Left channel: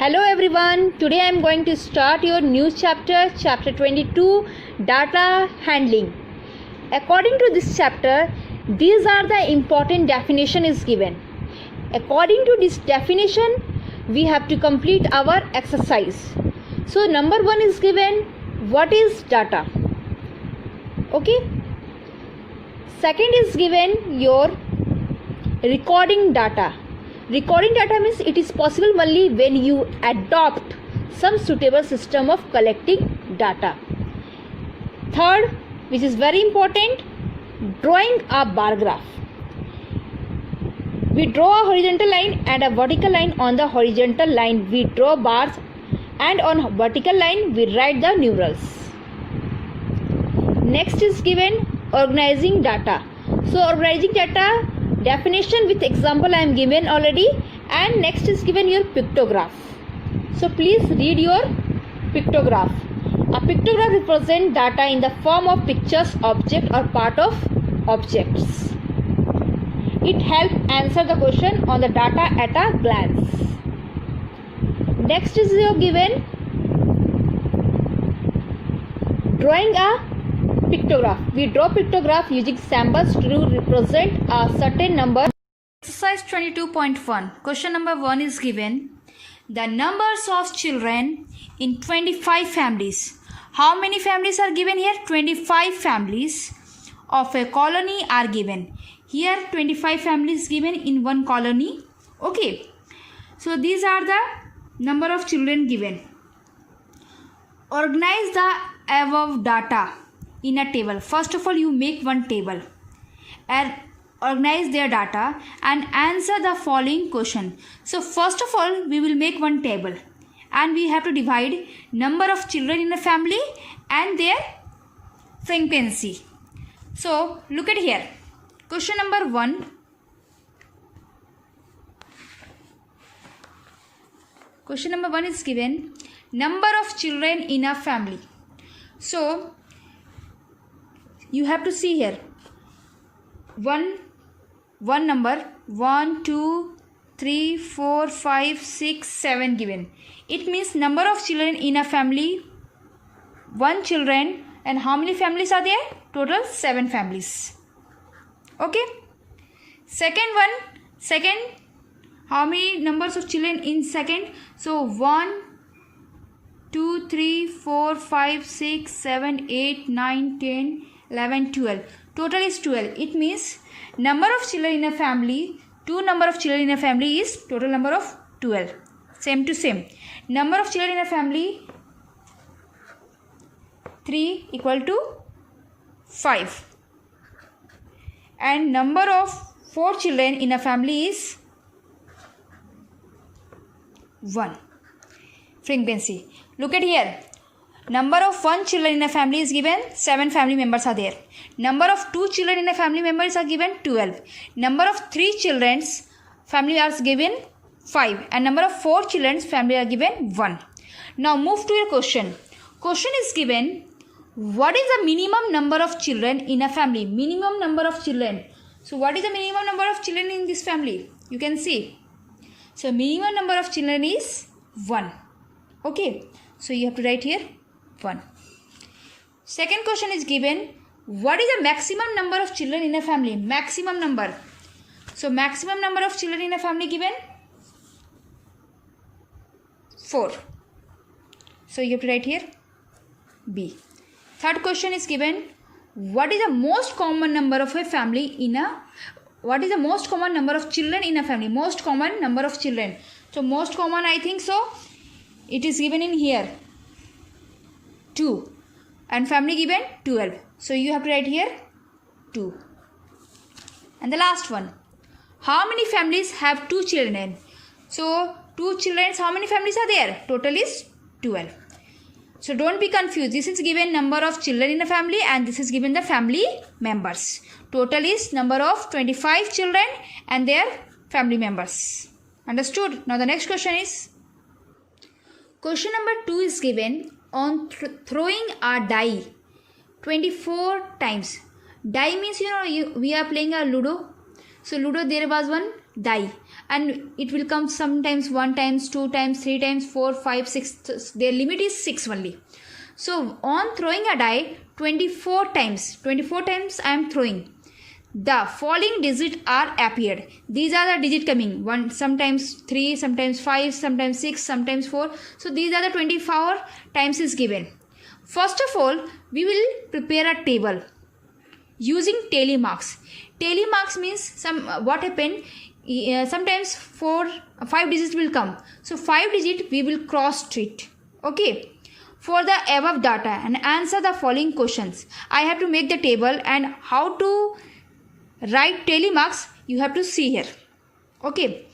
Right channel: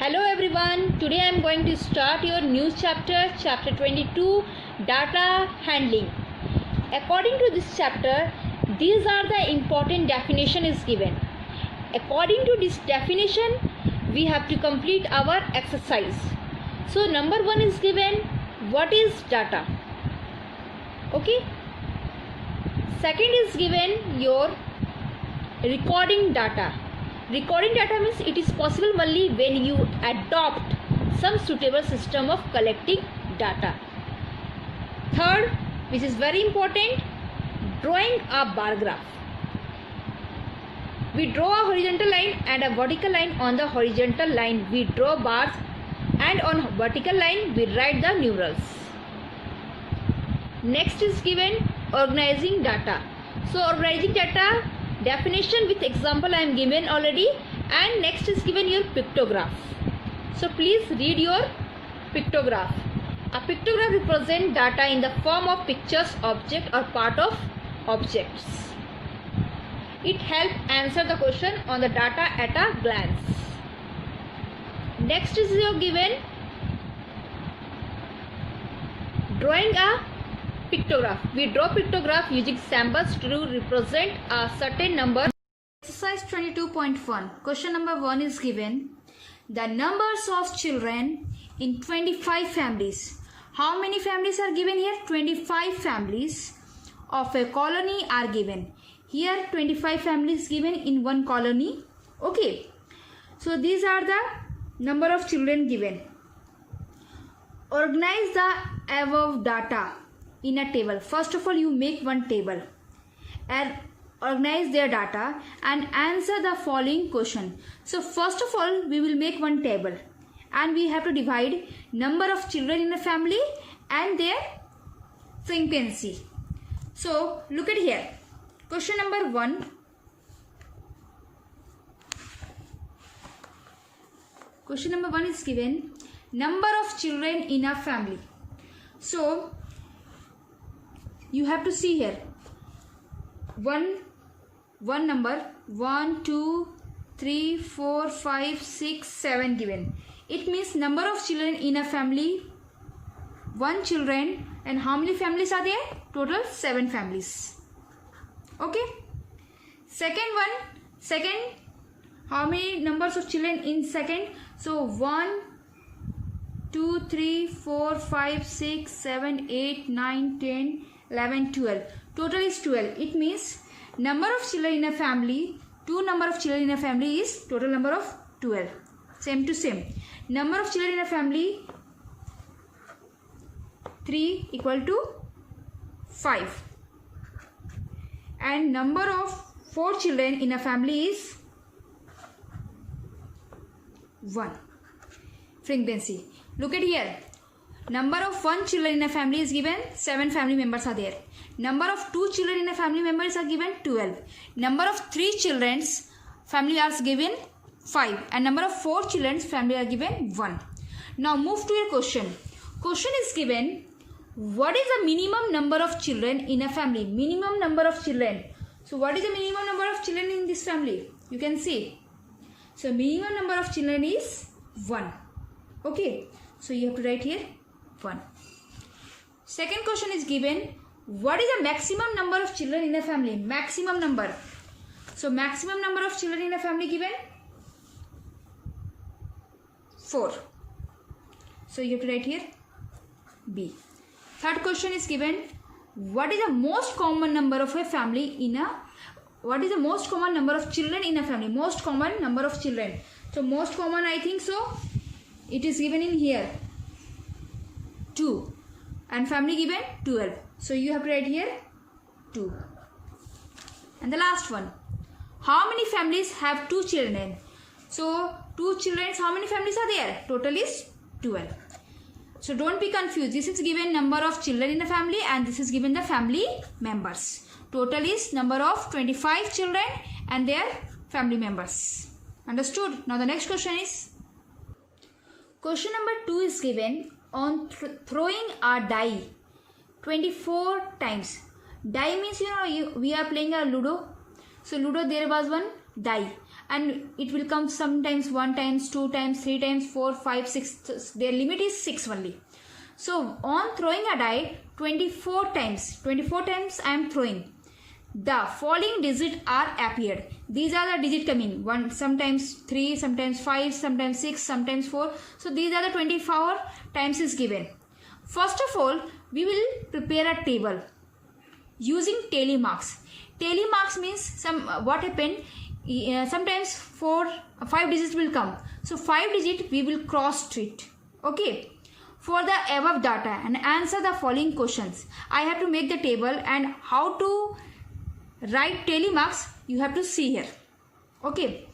Hello everyone, today I am going to start your new chapter 22, Data Handling. According to this chapter, these are the important definition is given. According to this definition, we have to complete our exercise. So number 1 is given, what is data? Okay. Second is given your recording data. Recording data means it is possible only when you adopt some suitable system of collecting data. Third, which is very important, drawing a bar graph. We draw a horizontal line and a vertical line. On the horizontal line we draw bars and on vertical line we write the numerals. Next is given organizing data. So organizing data definition with example I am given already, and next is given your pictograph. So please read your pictograph. A pictograph represents data in the form of pictures, object or part of objects. It helps answer the question on the data at a glance. Next is your given drawing a pictograph. We draw pictograph using symbols to represent a certain number. Exercise 22.1. Question number 1 is given. The numbers of children in 25 families. How many families are given here? 25 families of a colony are given. Here 25 families given in one colony. Okay. So these are the number of children given. Organize the above data in a table. First of all, you make one table and organize their data and answer the following question. So first of all, we will make one table and we have to divide number of children in a family and their frequency. So look at here. Question number 1. Question number 1 is given number of children in a family. So you have to see here one number 1 2 3 4 5 6 7 given. It means number of children in a family, 1 children, and how many families are there? Total 7 families. Okay. Second, how many numbers of children in second? So 1 2 3 4 5 6 7 8 9 10 11 12. Total is 12. It means number of children in a family, number of children in a family is total number of 12. Same to same. Number of children in a family 3 equal to 5. And number of 4 children in a family is 1. Frequency. Look at here. Number of 1 children in a family is given, 7 family members are there. Number of 2 children in a family members are given, 12. Number of 3 children's family are given, 5. And number of 4 children's family are given, 1. Now move to your question. Question is given, what is the minimum number of children in a family? Minimum number of children. So what is the minimum number of children in this family? You can see. So minimum number of children is 1. Okay. So you have to write here 1. Second question is given, what is the maximum number of children in a family? Maximum number. So maximum number of children in a family given 4. So you have to write here B. Third question is given, what is the most common number of a family in a, what is the most common number of children in a family? Most common number of children. So most common, I think so, it is given in here 2 and family given 12. So you have to write here 2. And the last one, how many families have 2 children? So 2 children, how many families are there? Total is 12. So don't be confused. This is given number of children in a family and this is given the family members. Total is number of 25 children and their family members. Understood? Now the next question is, question number 2 is given on throwing a die 24 times. Die means we are playing a Ludo. So Ludo, there was one die and it will come sometimes 1 times, 2 times, 3 times, 4, 5, 6. Their limit is 6 only. So on throwing a die 24 times I am throwing. The following digits are appeared. These are the digit coming. 1, sometimes 3, sometimes 5, sometimes 6, sometimes 4. So these are the 24 times is given. First of all, we will prepare a table using tally marks. Tally marks means what happened. Sometimes 5 digits will come. So 5 digit we will cross it. Okay. For the above data and answer the following questions. I have to make the table, and how to write tally marks you have to see here. Okay.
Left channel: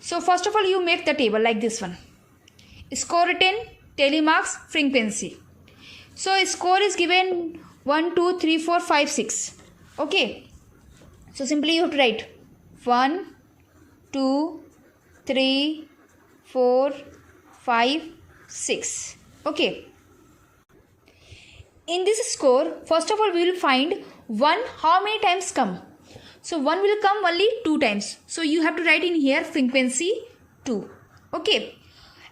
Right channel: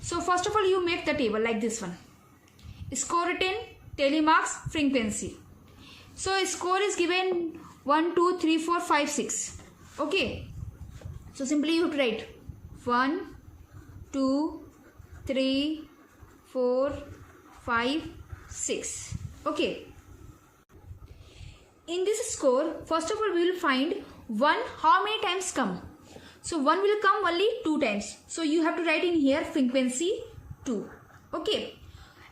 So first of all, you make the table like this one. Score written, tally marks, frequency. So score is given 1, 2, 3, 4, 5, 6. Okay. So simply you have to write 1, 2, 3, 4, 5, 6. Okay. In this score, first of all, we will find 1 how many times come. So 1 will come only 2 times. So you have to write in here frequency 2. Okay.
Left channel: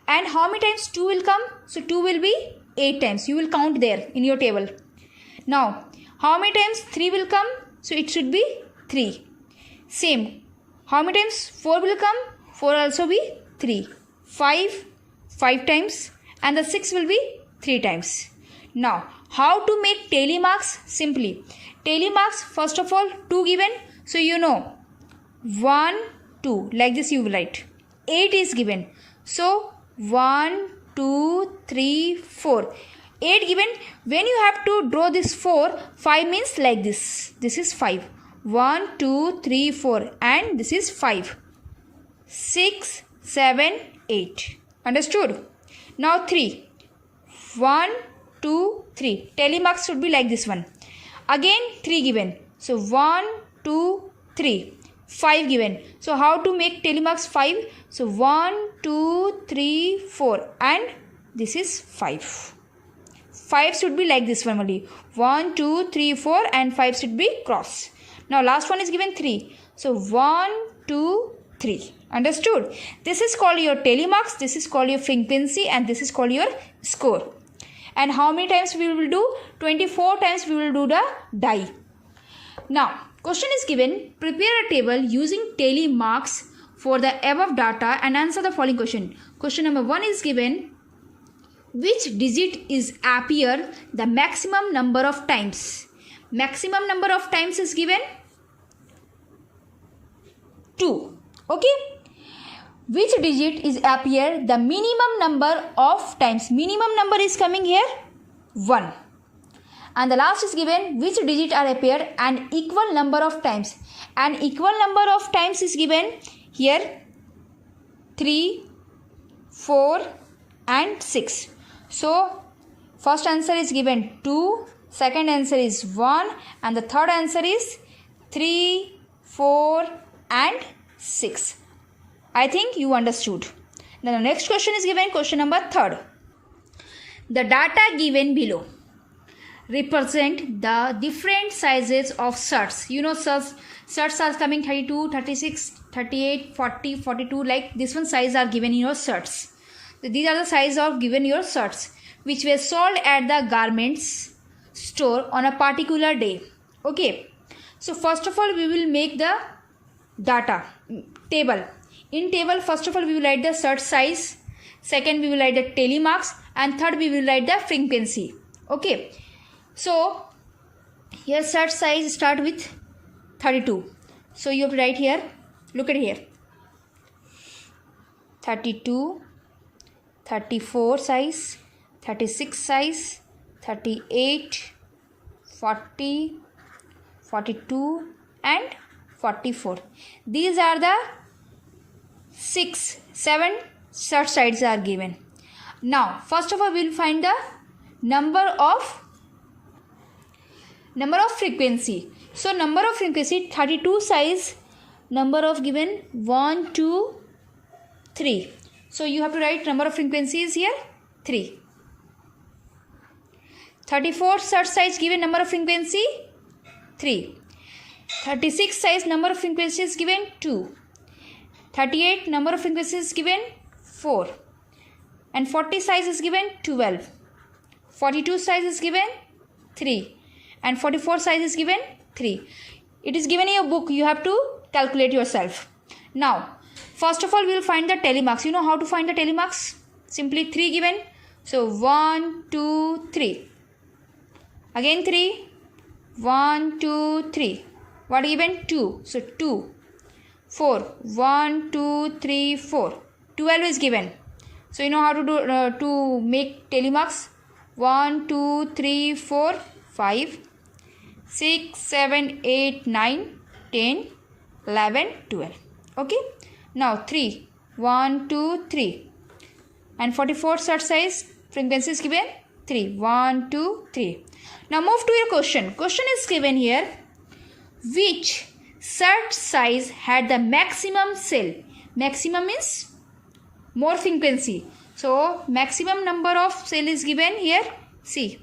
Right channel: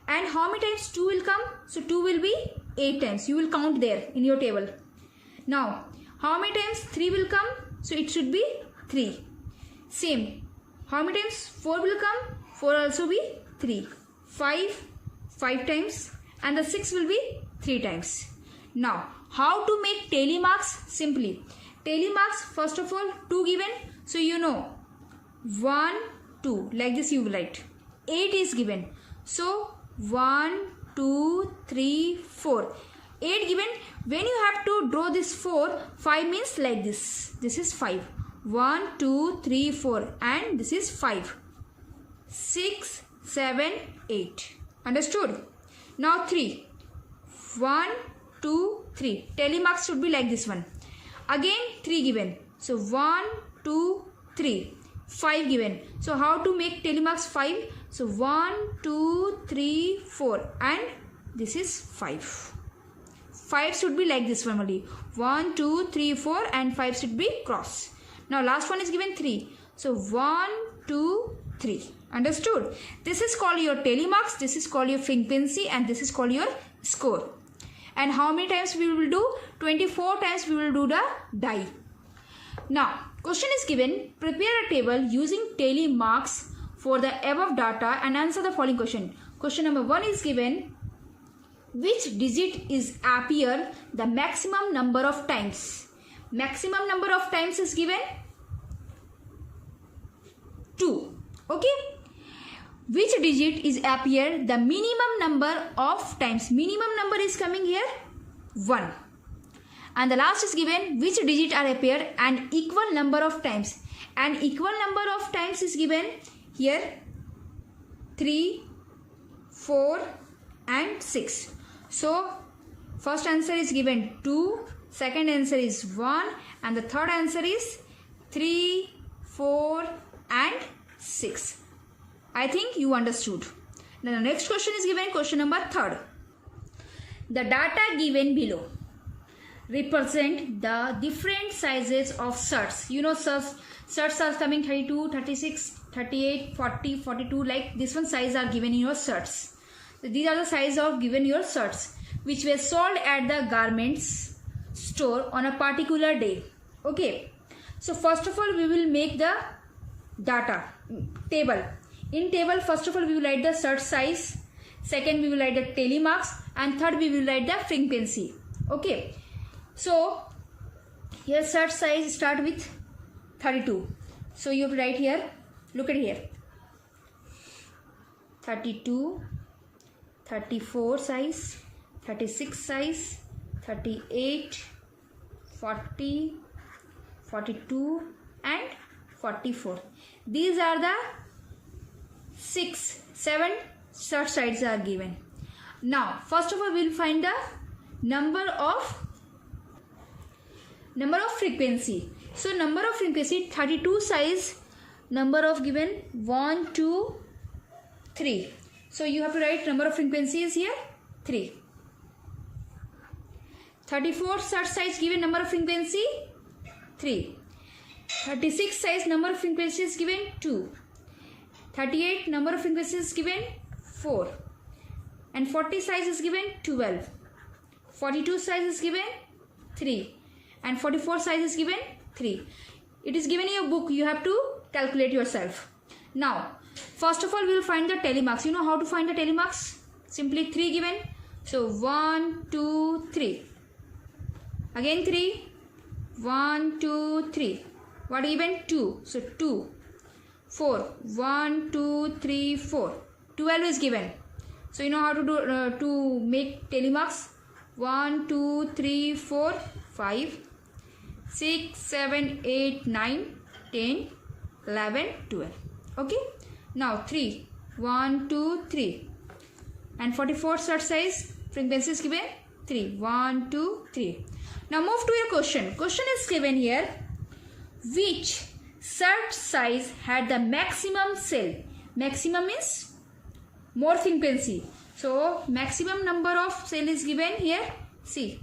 And how many times 2 will come? So 2 will be 8 times. You will count there in your table. Now, how many times 3 will come? So it should be 3. Same. How many times 4 will come? 4 also be 3. 5 times, and the 6 will be 3 times. Now, how to make tally marks? Simply. Tally marks, first of all, 2 given. So you know 1, 2. Like this you will write. 8 is given. So 1, 2, 3, 4. 8 given. When you have to draw this 4, 5 means like this. This is 5. 1, 2, 3, 4. And this is 5. 6, 7, 8. Understood? Now 3. 1, 2, 3. Tally marks should be like this one. Again 3 given. So 1, 2, 3. 5 given. So how to make tally marks 5? So 1, 2, 3, 4. And this is 5. 5 should be like this one only. 1, 2, 3, 4 and 5 should be cross. Now last one is given 3. So 1, 2, 3. Understood? This is called your tally marks. This is called your frequency, and this is called your score. And how many times we will do? 24 times we will do the die. Now, question is given. Prepare a table using tally marks for the above data and answer the following question. Question number 1 is given. Which digit is appear the maximum number of times? Maximum number of times is given 2. Okay. Which digit is appear the minimum number of times? Minimum number is coming here 1. And the last is given which digit are appear an equal number of times. An equal number of times is given here 3, 4 and 6. So first answer is given 2, second answer is 1 and the third answer is 3, 4 and 6. I think you understood. Then the next question is given, question number 3. The data given below represent the different sizes of shirts. You know shirts are coming 32, 36, 38, 40, 42, like this one size are given in your shirts. These are the size of given your shirts which were sold at the garments store on a particular day. Okay. So first of all we will make the data table. In table, first of all, we will write the shirt size. Second, we will write the tally marks. And third, we will write the frequency. Okay. So, here shirt size start with 32. So, you have to write here. Look at here. 32, 34 size, 36 size, 38, 40, 42 and 44. These are the 7 shirt sides are given. Now, first of all, we will find the number of frequency. So, number of frequency 32 size, number of given 1, 2, 3. So, you have to write number of frequencies here 3. 34 shirt size given number of frequency 3. 36 size number of frequencies given 2. 38 number of frequencies is given 4. And 40 size is given 12. 42 size is given 3. And 44 size is given 3. It is given in your book. You have to calculate yourself. Now, first of all, we will find the telemarks. You know how to find the telemarks? Simply 3 given. So 1, 2, 3. Again 3. 1, 2, 3. What given? 2. So 2. 4. 1, 2, 3, 4. 12 is given. So you know how to do to make telemarks. 1, 2, 3, 4, 5, 6, 7, 8, 9, 10, 11, 12. Okay. Now 3. 1, 2, 3. And 44 search size frequency is given 3. 1, 2, 3. Now move to your question. Question is given here. Which search size had the maximum cell? Maximum means more frequency. So maximum number of cell is given here. See,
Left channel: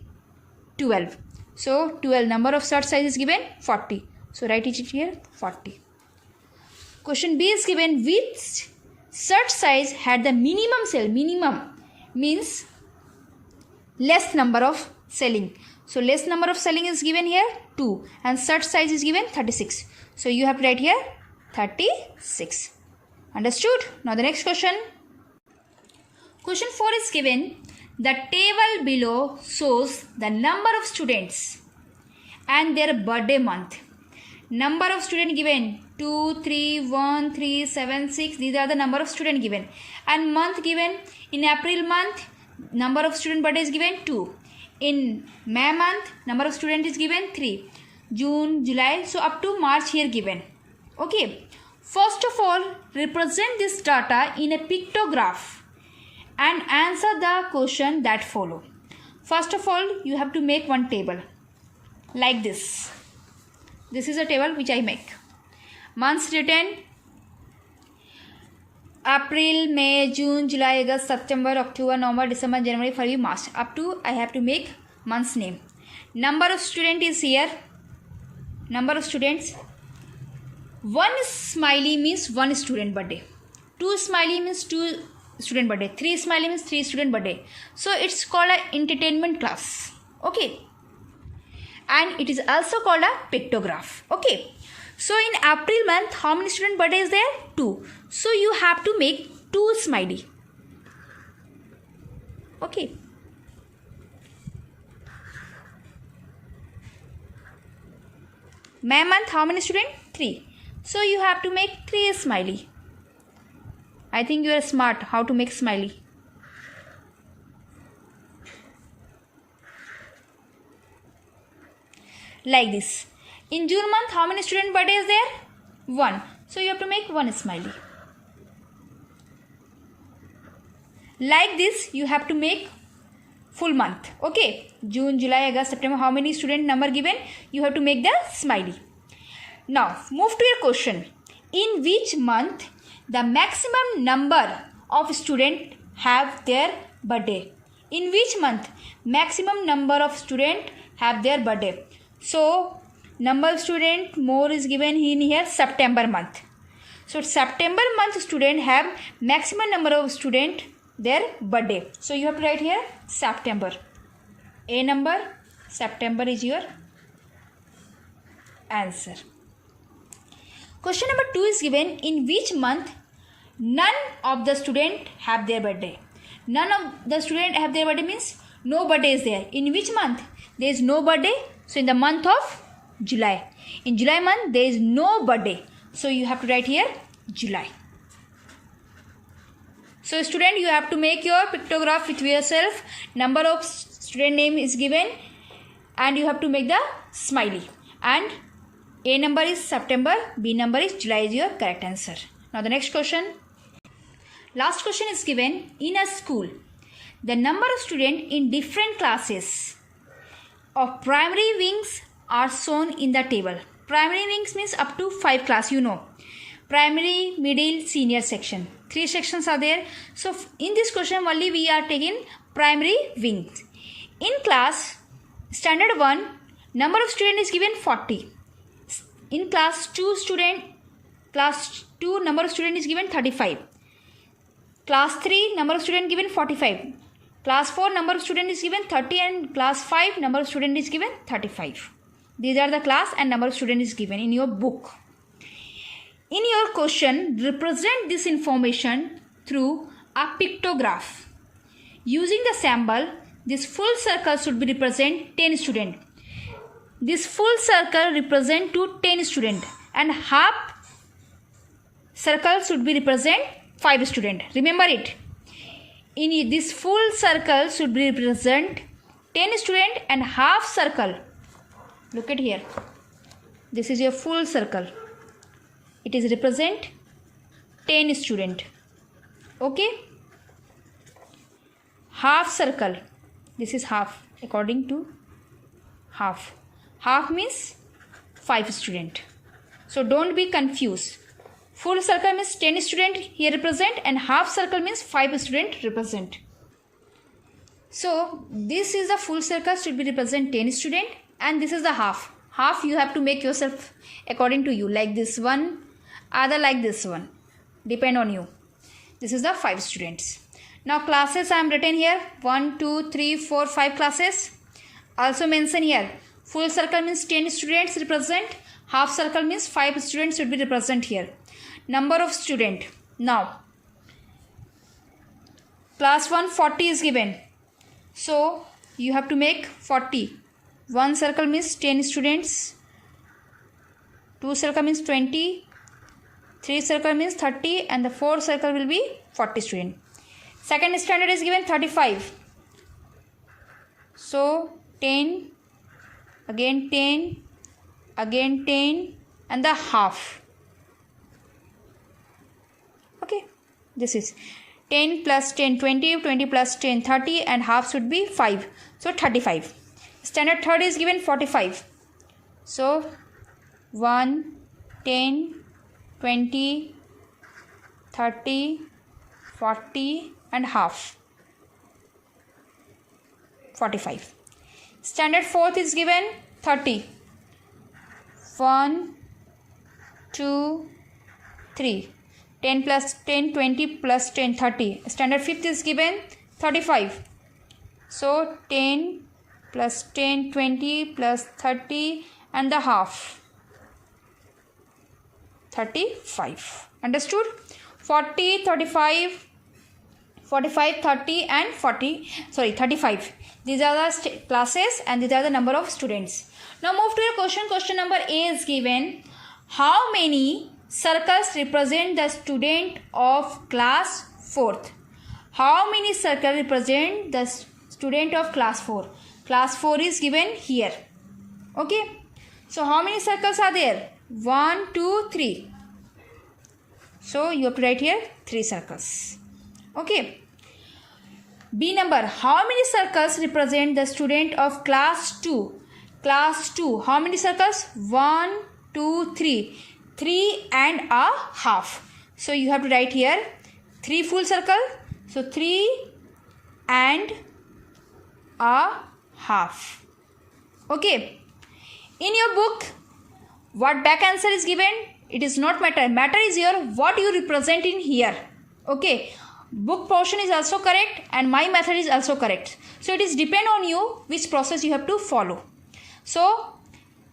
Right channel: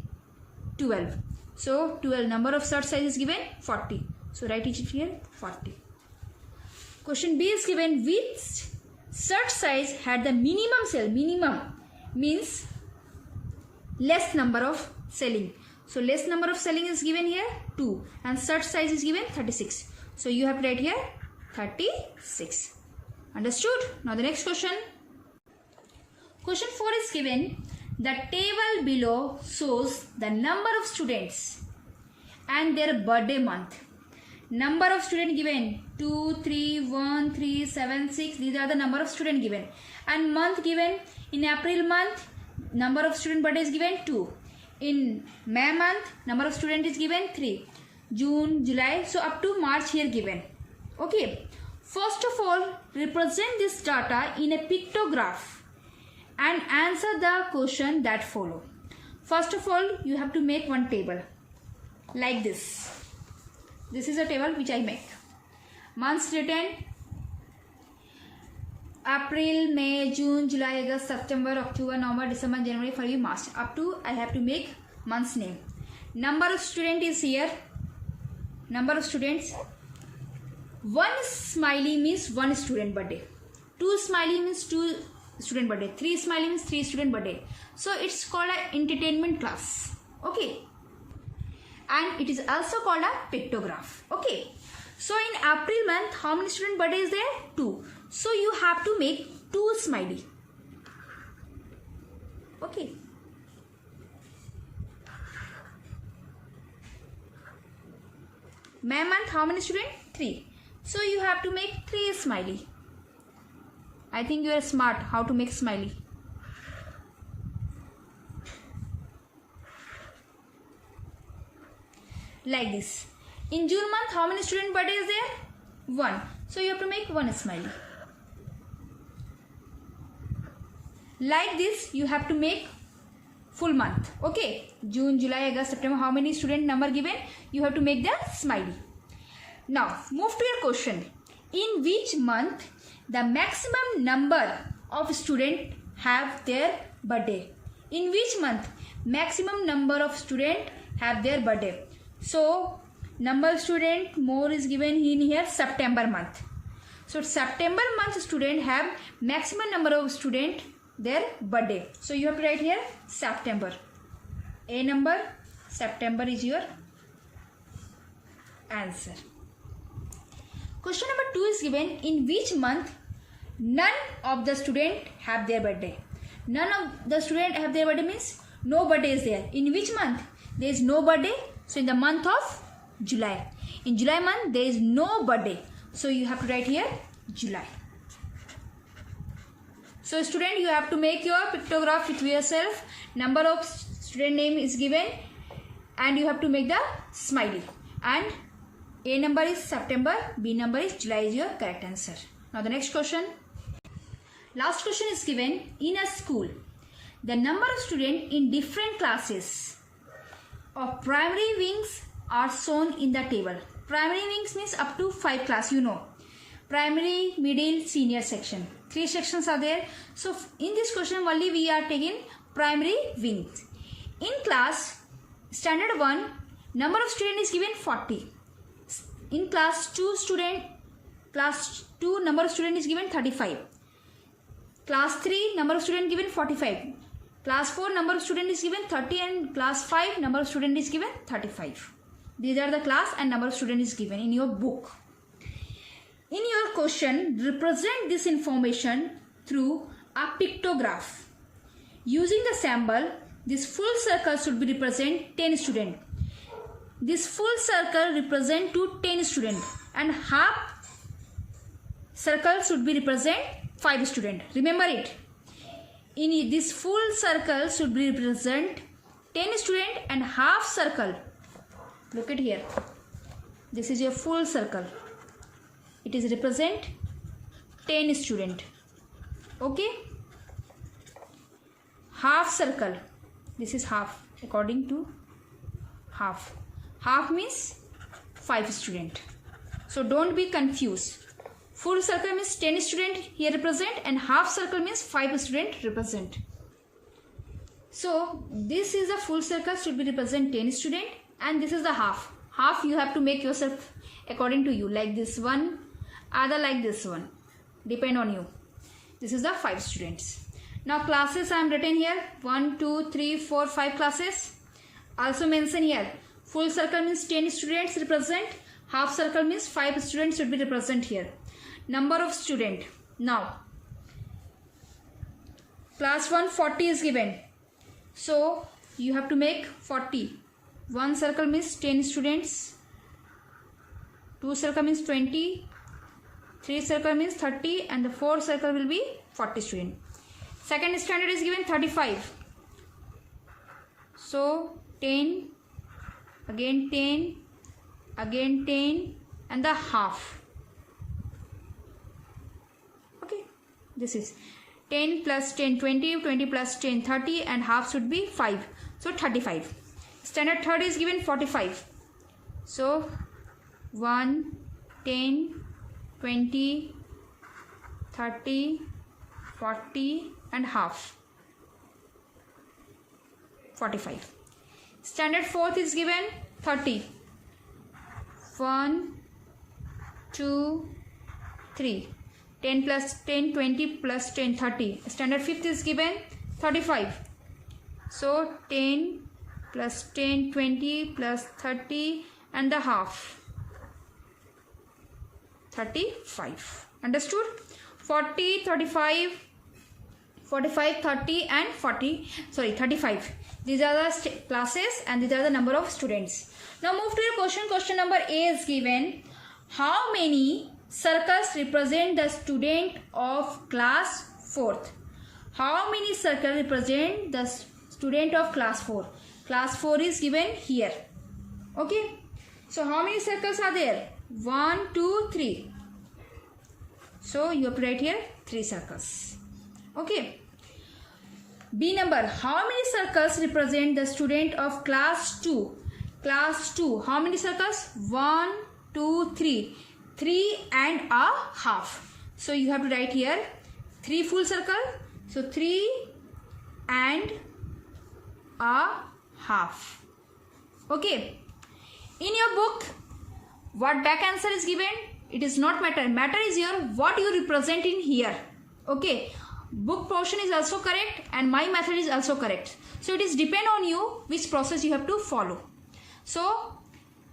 12. So 12 number of search size is given 40. So write it here 40. Question B is given. Which search size had the minimum cell? Minimum means less number of selling. So less number of selling is given here 2 and search size is given 36. So you have to write here 36. Understood? Now the next question. Question 4 is given. The table below shows the number of students and their birthday month. Number of student given 2, 3, 1, 3, 7, 6. These are the number of student given. And month given in April month. Number of student birthday is given 2. In May month, number of student is given 3. June, July, so up to March here given. Okay. First of all, represent this data in a pictograph and answer the question that follow. First of all, you have to make one table like this. This is a table which I make. Months written: April, May, June, July, August, September, October, November, December, January, February, March. Up to I have to make month's name. Number of student is here. Number of students. 1 smiley means 1 student birthday. 2 smiley means 2 student birthday. 3 smiley means 3 student birthday. So it's called an entertainment class. Okay. And it is also called a pictograph. Okay. So in April month, how many student birthday is there? 2. So you have to make 2 smiley. Okay. May month, how many student? 3. So you have to make 3 smiley. I think you are smart how to make smiley. Like this. In June month, how many student birthday is there? 1. So you have to make 1 smiley. Like this, you have to make full month. Okay. June, July, August, September. How many student number given? You have to make the smiley. Now, move to your question. In which month the maximum number of student have their birthday? In which month maximum number of student have their birthday? So, number of student more is given in here September month. So, September month student have maximum number of student their birthday. So, you have to write here September. A number, September is your answer. Question number 2 is given. In which month none of the student have their birthday? None of the student have their birthday means no birthday is there. In which month there is no birthday? So in the month of July. In July month there is no birthday. So you have to write here July. So student, you have to make your pictograph with yourself. Number of student name is given and you have to make the smiley. And A number is September, B number is July is your correct answer. Now the next question. Last question is given. In a school, the number of students in different classes of primary wings are shown in the table. Primary wings means up to 5 class, you know. Primary, middle, senior section. 3 sections are there. So in this question only we are taking primary wings. In class standard 1, number of students is given 40. In class 2 student Class 2 number of student is given 35. Class 3 number of student given 45. Class 4 number of student is given 30 and class 5 number of student is given 35. These are the class and number of student is given in your book. In your question, represent this information through a pictograph. Using the symbol, this full circle should be represent 10 student. This full circle represent to 10 student and half circle should be represent 5 student. Remember it. In this full circle should be represent 10 student and half circle. Look at here. This is your full circle. It is represent 10 student. Okay. Half circle. This is half according to half. Half means 5 student. So don't be confused. Full circle means 10 student here represent and half circle means 5 student represent. So this is the full circle should be represent 10 student and this is the half. Half you have to make yourself according to you, like this one, other like this one. Depend on you. This is the 5 students. Now classes I am written here 1, 2, 3, 4, 5 classes. Also mention here full circle means 10 students represent. Half circle means 5 students should be represent here. Number of student. Now class 1 40 is given. So you have to make 40. One circle means 10 students. Two circle means 20. Three circle means 30 and the fourth circle will be 40 student. Second standard is given 35. So 10, again 10, again 10 and the half. Okay, this is 10 plus 10 20, 20 plus 10 30 and half should be 5. So 35. Standard third is given 45. So 1, 10, 20, 30, 40 and half. 45. Standard fourth is given 30. 1, 2, 3. 10 plus 10, 20 plus 10, 30. Standard fifth is given 35. So 10 plus 10, 20 plus 30 and the half. 35. Understood? 40, 35, 45, 30 and 35. These are the classes and these are the number of students. Now move to your question. Question number A is given. How many circles represent the student of class 4th? How many circles represent the student of class 4? Class 4 is given here. Okay. So how many circles are there? 1, 2, 3. So you have to write here 3 circles. Okay. B number. How many circles represent the student of class 2? Class 2. How many circles? 1, 2, 3. 3 and a half. So you have to write here 3 full circle. So 3 and a half. Okay. In your book, what back answer is given? It is not matter. Matter is here what you represent in here. Okay. Book portion is also correct and my method is also correct. So it is depend on you which process you have to follow. So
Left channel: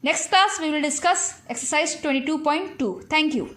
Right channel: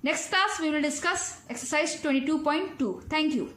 next class we will discuss exercise 22.2. Thank you.